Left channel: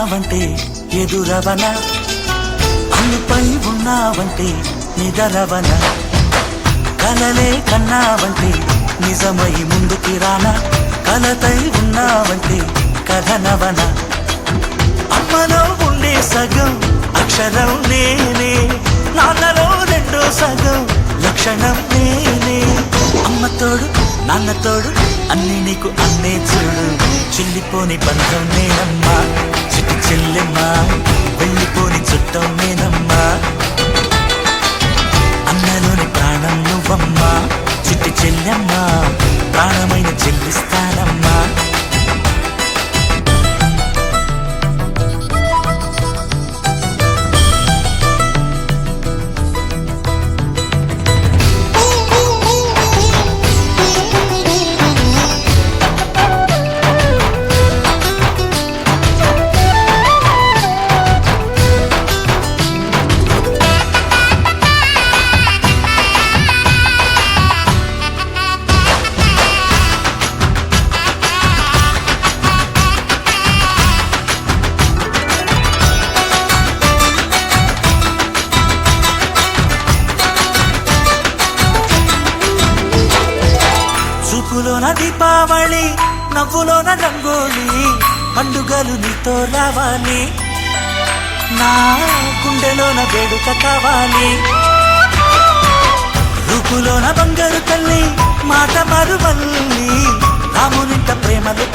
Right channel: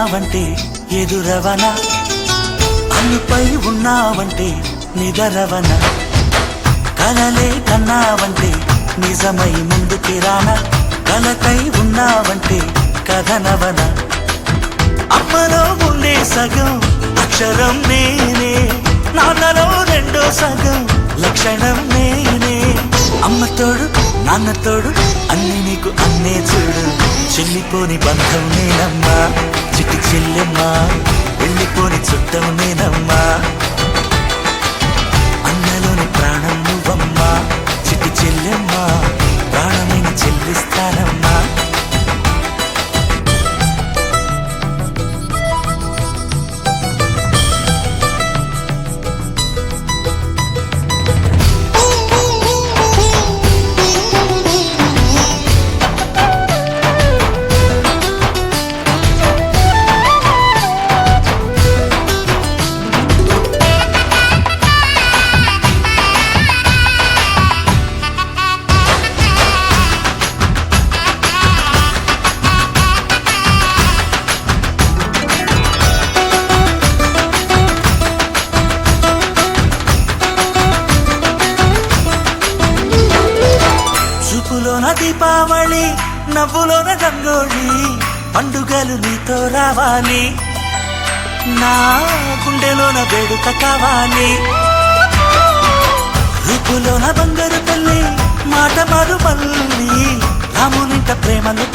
ఉన్నావంటే ఎదురవన, అన్నిపై ఉన్నావంటే నిదరవన, కలలే కన్నావంటే నిజమై ముందుకి రానా, కలతై ఉన్నావంటే కథనవన. అమ్మలో ఉండే సగం అక్షరం నేనే, నాన్నలో రెండో సగం లక్షణం నేనే. అమ్మ తోడు నాన్న తోడు అన్ని నీకు అన్నే చూడు, చెల్లిపోని బంధం నేనమ్మా, చిటి చెల్లెమ్మా, వెళ్ళిపోని చుట్టం నేనమ్మా. అన్నలోని ప్రాణం నువ్వమ్మా, చిటి చెల్లెమ్మా, ప్రాణమైన చెల్లిస్తానమ్మా. చూపులోన దీపావళి, నవ్వులోన రంగోలి, పండుగలు నీతో రావాలి, నా గుండెలోన వేడుక కావాలి. రూపులోన బంగారు తల్లి, మాట పరువల్లి, రామునింట ప్రేమలు